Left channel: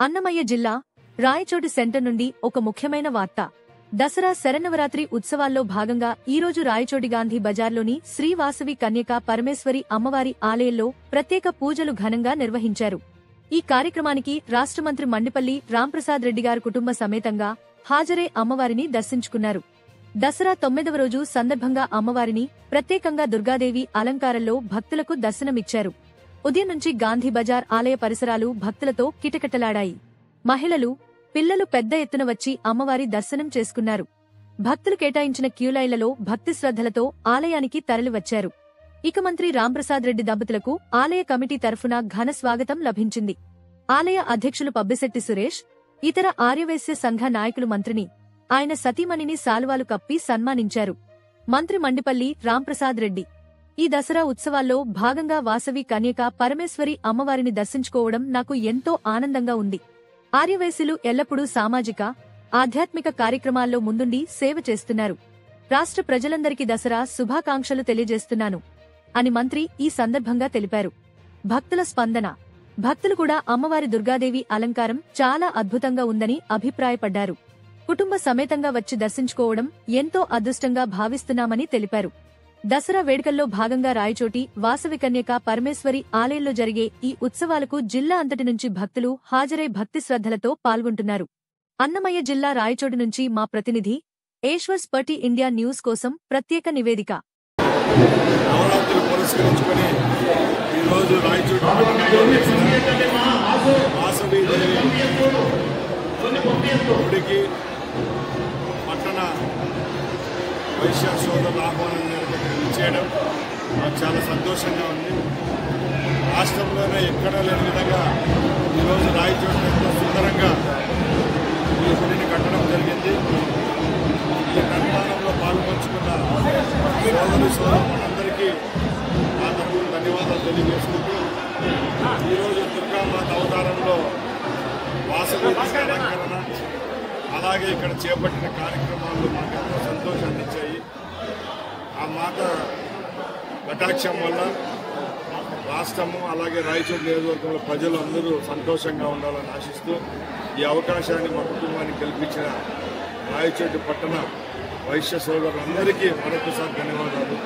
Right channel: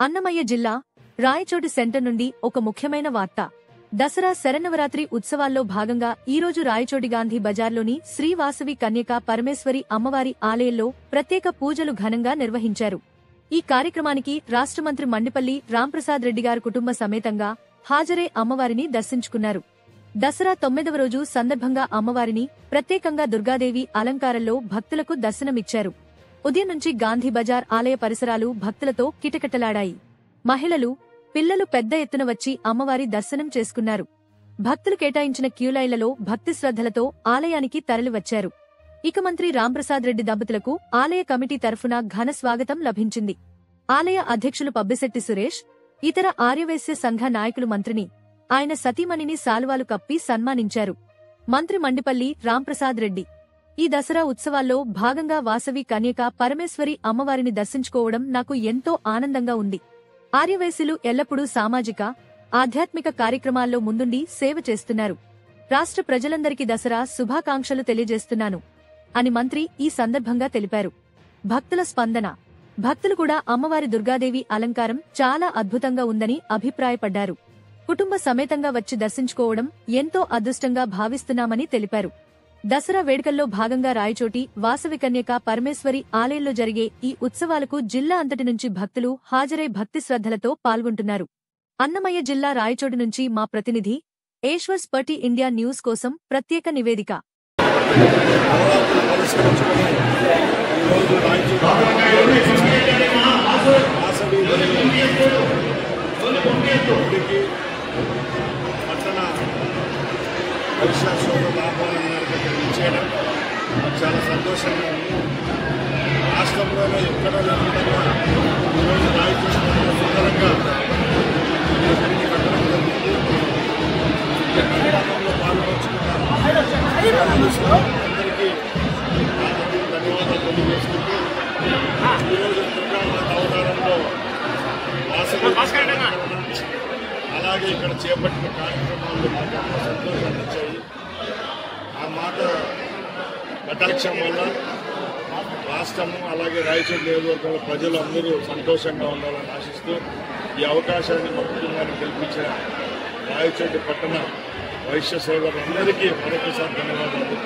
అన్నమయ్య జిల్లా రాయచోటి సెంటర్ నుండి ఒక ముఖ్యమైన వార్త. దసరా శరన్నవరాత్రి ఉత్సవాల్లో భాగంగా ఈరోజు రాయచోటి గాంధీ బజార్లోని శ్రీ వాసవి కన్యకా పరమేశ్వరి అమ్మవారి ఆలయంలో ప్రత్యేక పూజలు ఘనంగా నిర్వహించారు. ఈ కార్యక్రమానికి రాష్ట్ర మంత్రి మండిపల్లి రాంప్రసాద్ రెడ్డి గారు కుటుంబ సమేతంగా హాజరై అమ్మవారిని దర్శించుకున్నారు. దసరా 9వ రోజు సందర్భంగా అమ్మవారిని ప్రత్యేకంగా దుర్గాదేవి అలంకారంలో భక్తులకు దర్శనమిచ్చారు. ఉదయం నుంచి గాంధీ బజార్ ఆలయ పరిసరాలు భక్తులతో కిటకిటలాడాయి. మహిళలు, పిల్లలు పెద్ద ఎత్తున వచ్చి అమ్మవారి దర్శనం చేసుకున్నారు. భక్తులు కేటాయించిన క్యూలైన్లలో భక్తి శ్రద్ధలతో ఆలయానికి తరలివచ్చారు. ఇక మంత్రి రాంప్రసాద్ రెడ్డి దంపతులకు ఆలయ కమిటీ తరఫున ఘన స్వాగతం లభించింది. ఆలయ అధ్యక్షులు పబ్బిశెట్టి సురేష్, ఇతర ఆర్యవైశ్య సంఘ నాయకులు మంత్రిని, ఆయన సతీమణిని శాలువాలు కప్పి సన్మానించారు. మంత్రి మండిపల్లి రాంప్రసాద్ రెడ్డి ఈ దసరా ఉత్సవాల్లో భాగంగా వాసవి కన్యకా పరమేశ్వరి అమ్మవారిని దర్శించుకోవడం నాకు ఎంతో ఆనందంగా ఉంది. ఆర్యవైశ్యులు ఎల్లప్పుడూ సామాజిక, ఆధ్యాత్మిక కార్యక్రమాల్లో ముందుండి సేవ చేస్తున్నారు. రాష్ట్ర ప్రజలందరికీ దసరా శుభాకాంక్షలు తెలియజేస్తున్నాను అని మంత్రి ఈ సందర్భంగా తెలిపారు. భక్తుల స్పందన. భక్తులు కూడా అమ్మవారి దుర్గాదేవి అలంకారం చాలా అద్భుతంగా ఉందని అభిప్రాయపడ్డారు. కుటుంబ సమేతంగా వచ్చి దర్శించుకోవడం ఎంతో అదృష్టంగా భావిస్తున్నామని తెలిపారు. దసరా వేడుకల్లో భాగంగా రాయచోటి వాసవి కన్యకా పరమేశ్వరి ఆలయంలో జరిగే ఈ ఉత్సవాలకు జిల్లా అంతటి నుంచి భక్తులు హాజరై భక్తి శ్రద్ధలతో పాల్గొంటున్నారు. అన్నమయ్య జిల్లా రాయచోటి నుంచి మా ప్రతినిధి ఏశ్వర్స్ పర్టీ ఇండియా న్యూస్ కోసం ప్రత్యేక నివేదిక. వైశ్య సోదరుల ఆహ్వానం చేయడం నాకు చాలా సంతోషంగా ఉంది. రాష్ట్రంలోనే ఎక్కడా లేని విధంగా ఈరోజు రాయచోటిలో సుందరంగా ఈ గుడిని కట్టడం జరిగింది. ఈ నిర్మాణంలో పాల్పంచుకున్న సోదరులందరికీ నా తరఫున ధన్యవాదాలు తెలియజేసుకుంటూ ఈరోజు దుర్గామాత అవతారంలో వాసవి అలంకరణ అలాగే ఇక్కడ చేపట్టిన కార్యక్రమాలు మాకు ఎంతో సంతోషాన్ని ఇచ్చాయి. ఆ మాట కటాక్షం వల్ల రాష్ట్రము అలాగే రాయచోటి నియోజకవర్గంలో ప్రజలు అందరూ సంతోషంగా ఉండాలని ఆశిస్తూ ఈ అవకాశాన్ని మా కుటుంబానికి కల్పించిన రాయచోటి పట్టణ వైశ్య సోదరులందరికీ మరొకసారి ధన్యవాదాలు.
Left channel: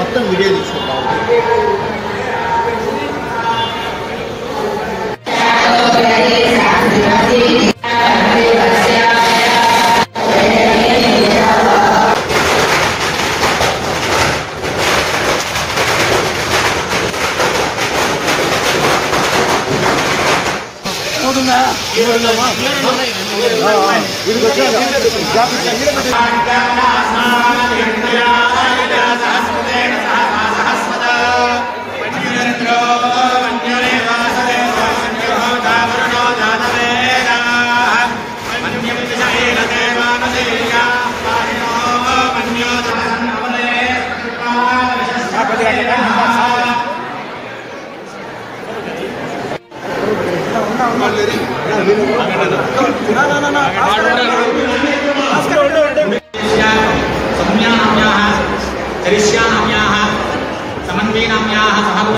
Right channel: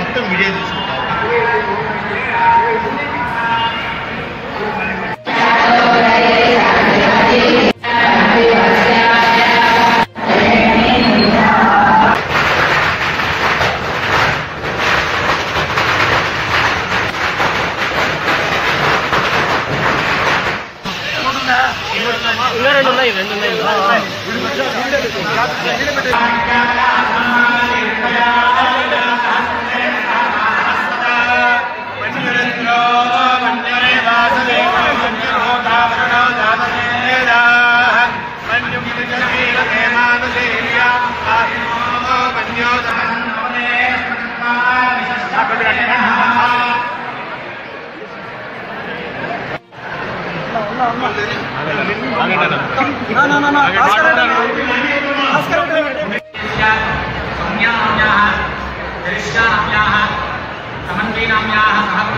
మొత్తం వీడియో తీసుకుంటాం. समन्वयनाम्याः